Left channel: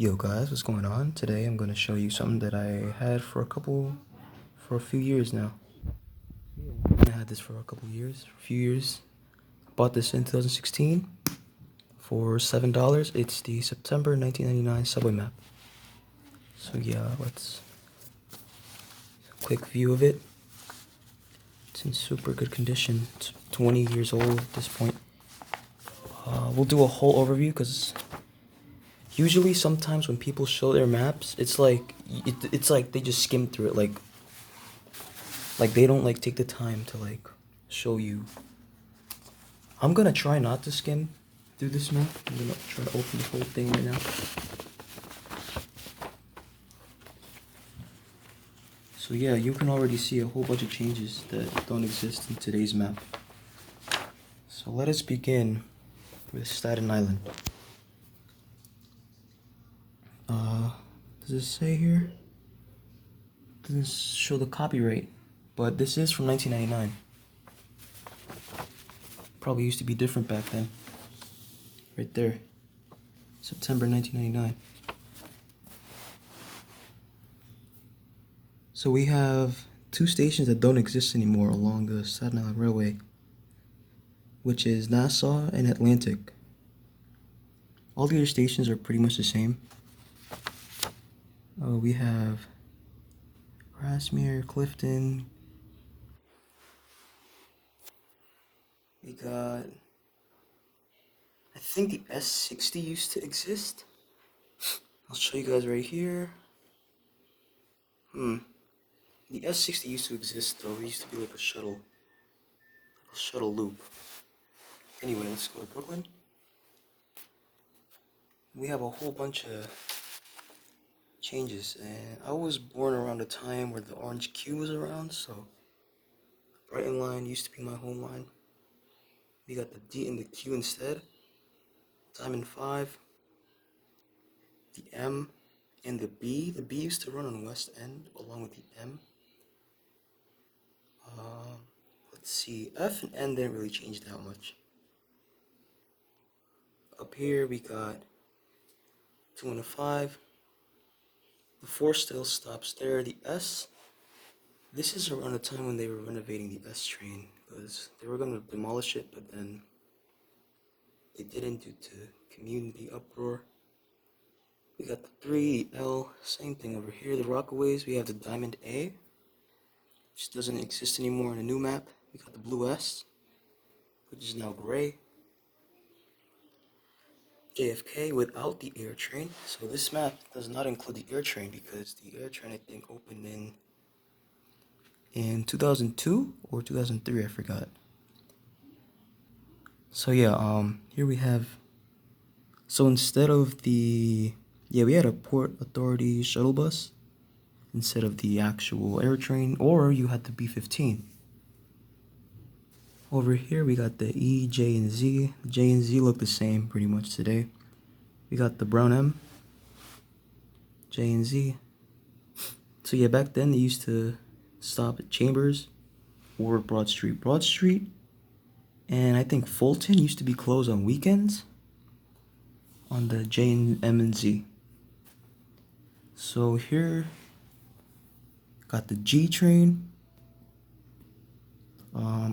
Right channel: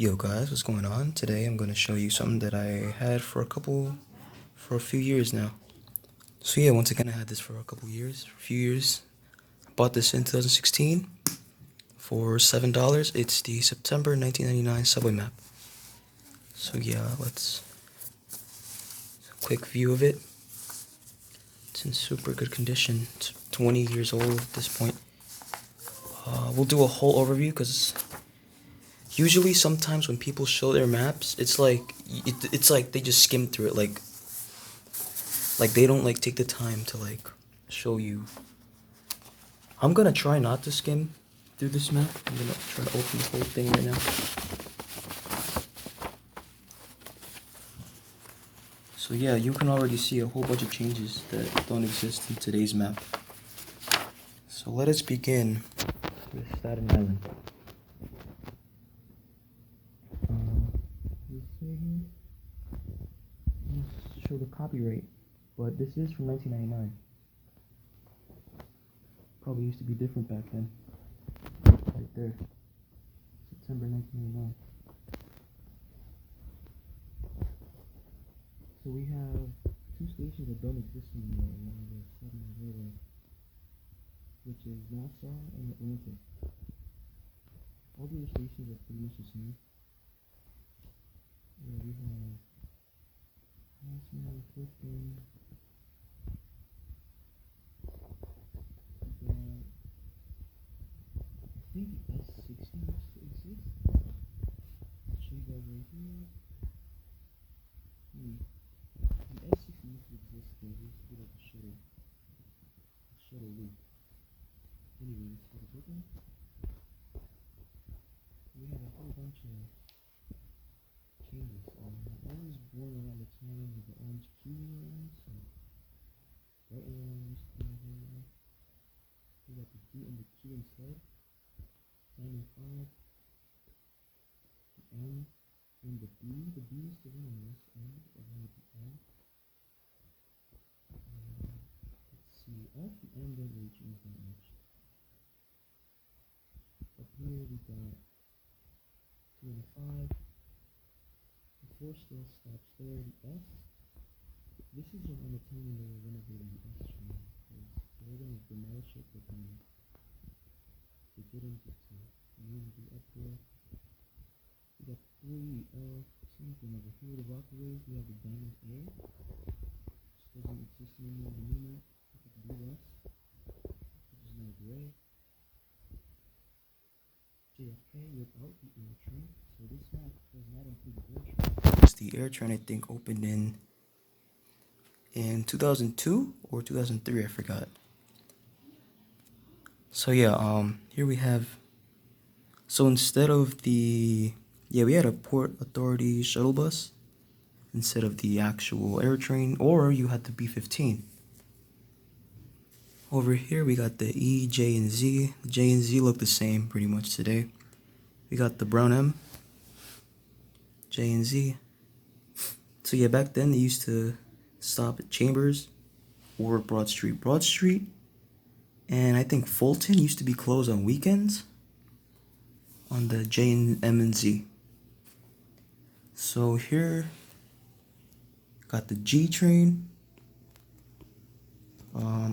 Yo guys, what's going on? Today I'm going to show you something that I had for a few years now. So yeah, once again I had this for a few years. I bought this in 2016 for $7. It's the September 1999 Subway Map. So yeah, let's quick view of it. It's in super good condition. It's 20 years old at this point. We'll do a whole overview because usually sometimes when people show their maps, it's like they just skim through it, like they don't take the time to show you. I'm gonna try not to skim through this map. I'm gonna try to open the whole thing right now. So yeah, you can already see a whole bunch of changes that don't exist in today's map. So let us begin with Staten Island. Does it say here? Doesn't show the copyright, but this is from 1999. Probably used to be different back then. Right there, September 1999. So we have two stations that don't exist anymore along the Staten Island Railway, which is Nassau and Atlantic. All the other stations are pretty much the same. We have Grasmere, Clifton. We got, I think the S60 used to exist. I'll show you guys right here. The S60 used to exist though. It used to be like a shuttle loop. Anyway, let's go to Brooklyn. We have a whole bunch of changes, and I was born around the time where the orange Q was around, so Brighton line used to be my home line. We got the D and the Q instead. Diamond 5, the M, and the B. The B used to run on West End along with the M. Let's see, F and N didn't really change that much. Up here we got 2 and a 5. The 4 still stops there. The S, this is around the time when they were renovating the S train, because they were going to demolish it, but then they didn't due to community uproar. We got the 3, the L, same thing over here. The Rockaways, we have the Diamond A, which doesn't exist anymore in the new map. We got the Blue S, which is now gray. JFK without the air train. So this map does not include the air train because the air train I think opened in 2002 or 2003, I forgot. So yeah, here we have, so instead of we had a Port Authority shuttle bus instead of the actual air train, or you had the B-15. Over here we got the E, J, and Z. The J and Z look the same pretty much today. We got the brown M, J and Z. So yeah, back then they used to stop at Chambers or Broad Street. Broad Street and I think Fulton used to be closed on weekends on the J and M and Z. So here, got the G train.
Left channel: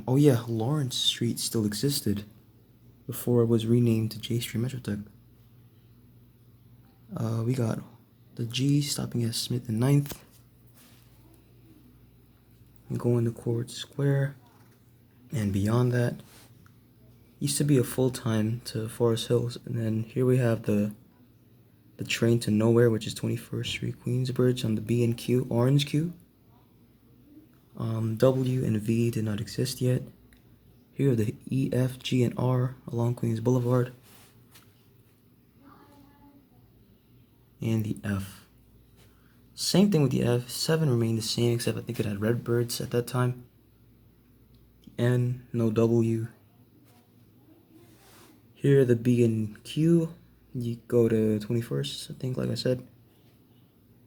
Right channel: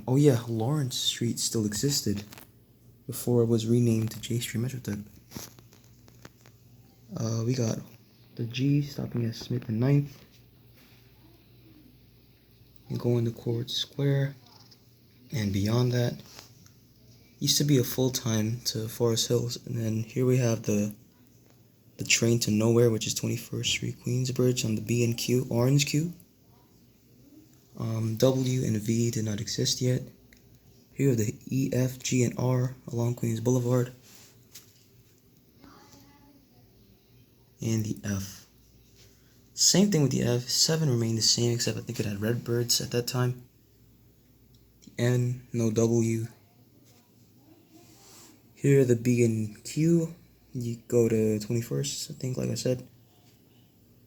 Oh yeah, Lawrence Street still existed before it was renamed to J Street Metrotech. We got the G stopping at Smith and 9th. And going to Court Square. And beyond that, used to be a full time to Forest Hills. And then here we have the train to nowhere, which is 21st Street Queensbridge on the B and Q, orange Q. W and V did not exist yet. Here are the E, F, G, and R along Queens Boulevard. And the F. Same thing with the F. 7 remained the same, except I think it had Redbirds at that time. The N, no W. Here are the B and Q. You go to 21st, I think, like I said.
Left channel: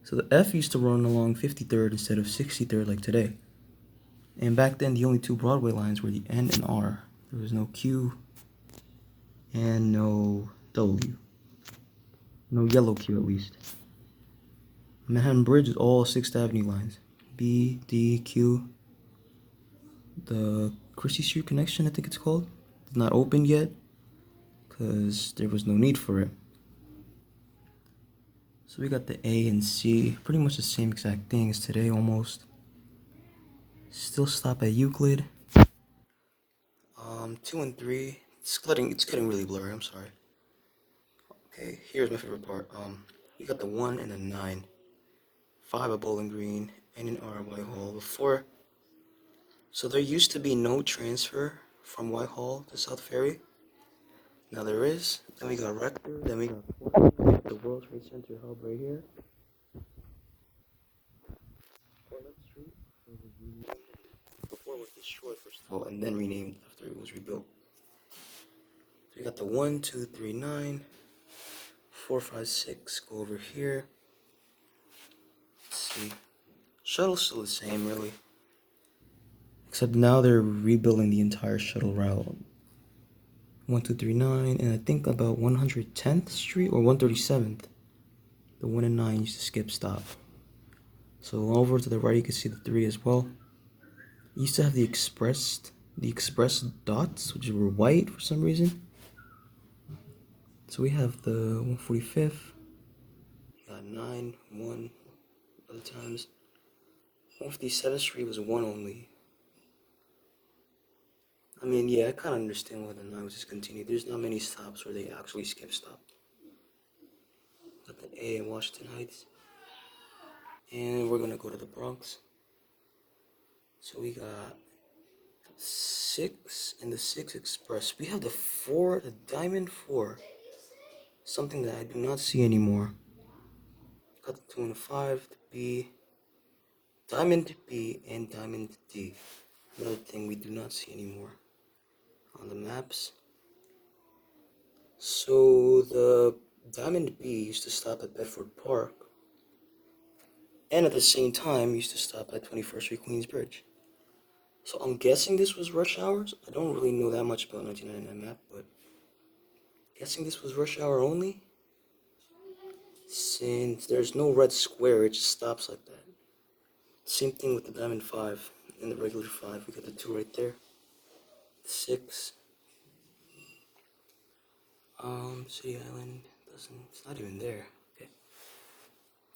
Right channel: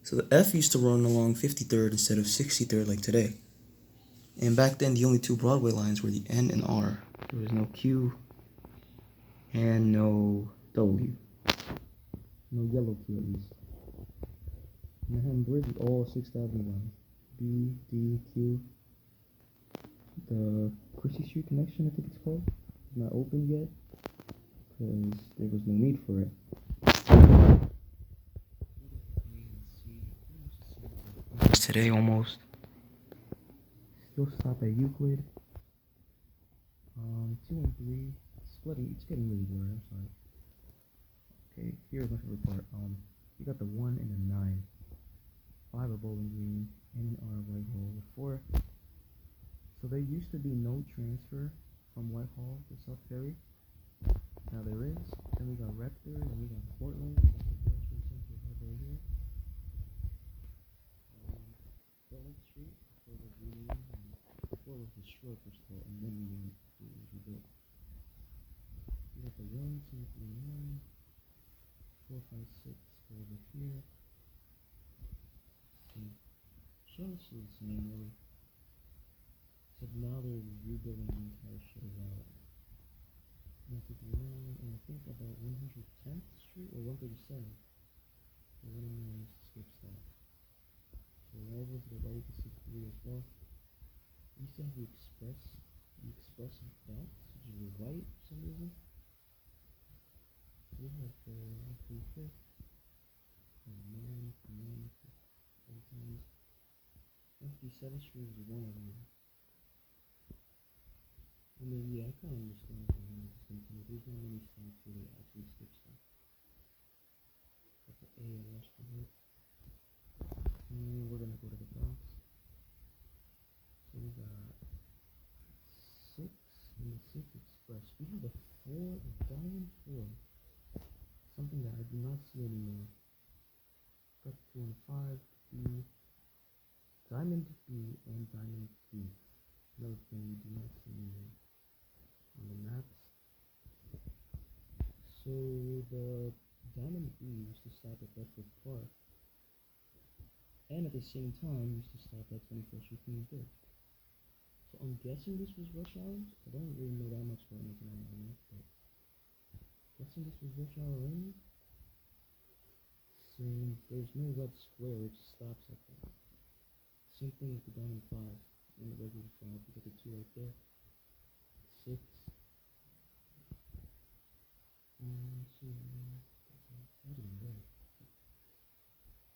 So the F used to run along 53rd instead of 63rd like today. And back then, the only 2 Broadway lines were the N and R. There was no Q and no W. No yellow queue at least. Manhattan Bridge is all 6th Avenue lines. B, D, Q. The Christie Street connection, I think it's called, is not open yet because there was no need for it. So we got the A and C, pretty much the same exact thing as today almost. Still stop at Euclid. 2 and 3. It's getting really blurry, I'm sorry. Okay, here's my favorite part. We got the 1 and the 9. 5 at Bowling Green and an R at Whitehall. Before, so there used to be no transfer from Whitehall to South Ferry. Now there is. Then we got Rector. Then we got Portland, the World Trade Center hub right here. Portland Street was renamed. Before it was destroyed first of all, and then renamed after it was rebuilt. So we got the 1, 2, 3, 9, 4, 5, 6. Go over here. Let's see. Shuttle's still the same, really. Except now they're rebuilding the entire shuttle route. 1, 2, 3, 9, and I think about 110th Street or 137th. The 1 and 9 used to skip stop. So over to the right, you can see the 3 as well. It used to have the express dots, which were white for some reason. So we have the 145th. Got 9, 1 other times. 157th Street was 1 only. I mean, yeah, I kind of understand why the 9 was discontinued. There's not many stops where they actually skip stop. Got the A in Washington Heights. And we're going to go to the Bronx. So we got 6 and the 6 Express. We have the 4, the Diamond 4. Something that I do not see anymore. Got the 2 and the 5, the B. Diamond B and Diamond D. Another thing we do not see anymore on the maps. So the Diamond B used to stop at Bedford Park, and at the same time used to stop at 21st Street Queensbridge. So I'm guessing this was rush hours. I don't really know that much about 1999 map, but guessing this was rush hour only, since there's no red square, it just stops like that. Same thing with the Diamond 5 and the regular 5. We got the 2 right there. 6. City Island it's not even there. Okay.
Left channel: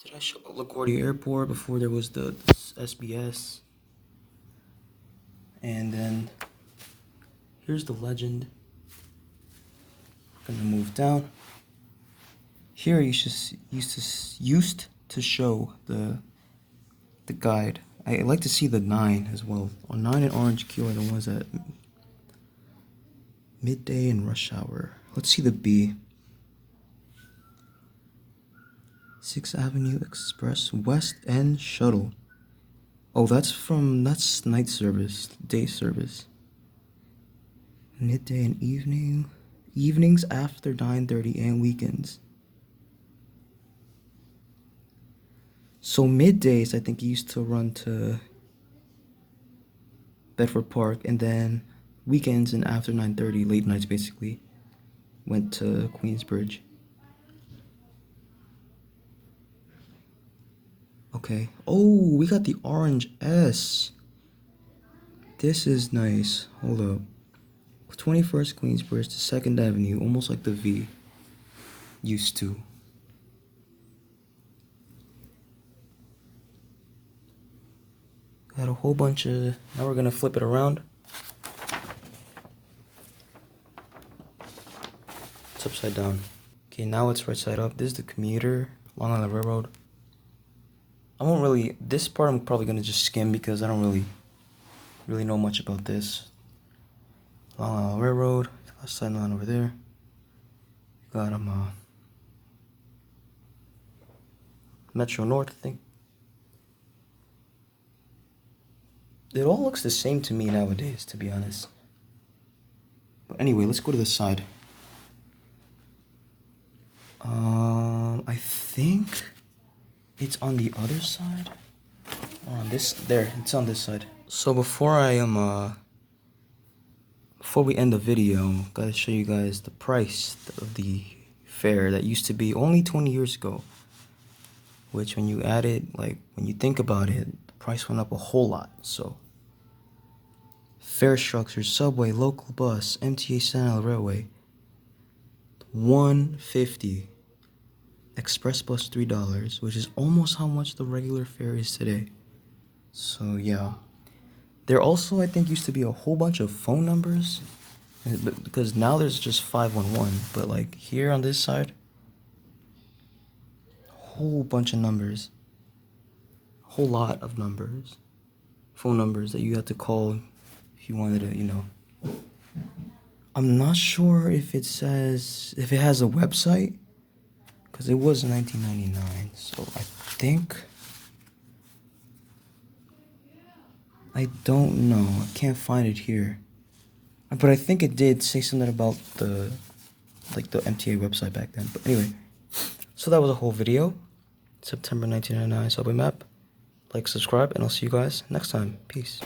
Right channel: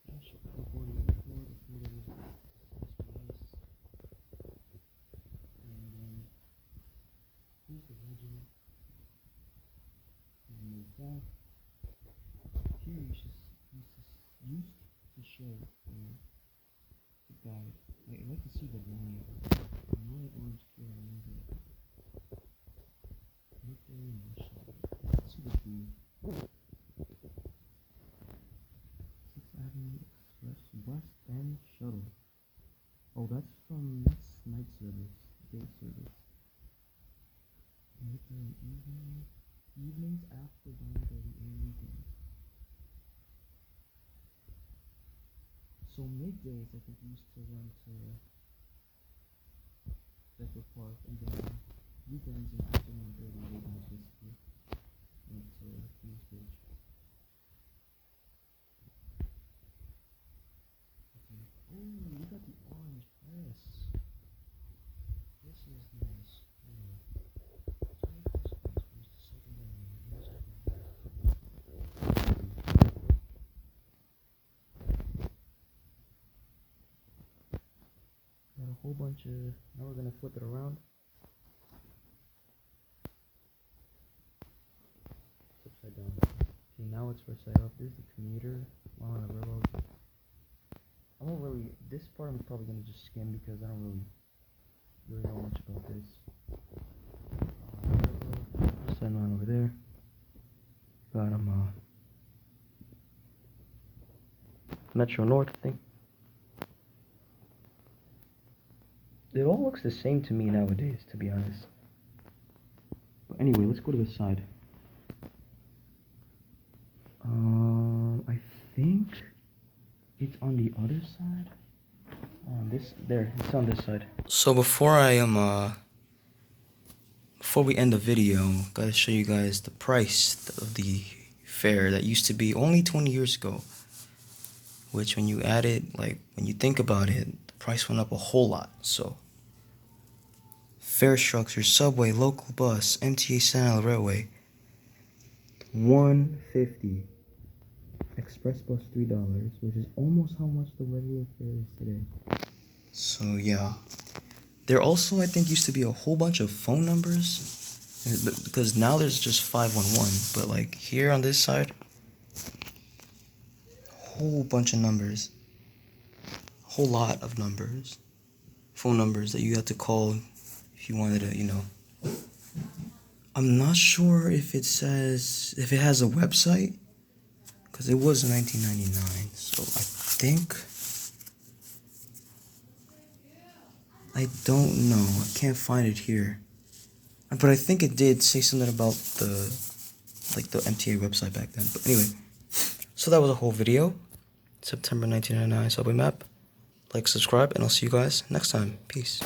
Did I show LaGuardia Airport before there was the SBS? And then here's the Legend. We're gonna move down. Here you used to show the guide. I like to see the 9 as well. On 9 and Orange Q are the ones that midday and rush hour. Let's see the B. 6th Avenue Express West End Shuttle. Oh, that's night service, day service. Midday and evenings after 9:30 and weekends. So middays, I think he used to run to Bedford Park, and then weekends and after 9:30, late nights basically, went to Queensbridge. Okay. Oh, we got the orange S. This is nice. Hold up. 21st Queensbridge to 2nd Avenue, almost like the V used to. Got a whole bunch of... Now we're going to flip it around. It's upside down. Okay, now it's right side up. This is the commuter, Long Island Railroad. I won't really... This part I'm probably going to just skim because I don't really know much about this. Long Island Railroad. Last side line over there. Got Metro North, I think. It all looks the same to me nowadays, to be honest. But anyway, let's go to the side. I think it's on the other side. On this, there, it's on this side. So before we end the video, gotta show you guys the price of the fare that used to be only 20 years ago. Which, when you add it, like, when you think about it, the price went up a whole lot. So, fare structure, subway, local bus, MTA Sentinel Railway, $150. Express bus $3, which is almost how much the regular fare is today. So yeah, there also, I think, used to be a whole bunch of phone numbers, because now there's just 511, but like here on this side, whole bunch of numbers, whole lot of numbers, phone numbers that you had to call if you wanted to, you know. I'm not sure if it says, if it has a website, because it was 1999, so I don't know, I can't find it here, but I think it did say something about the MTA website back then. But anyway, so that was a whole video. September 1999 Subway Map. Like, subscribe, and I'll see you guys next time. Peace.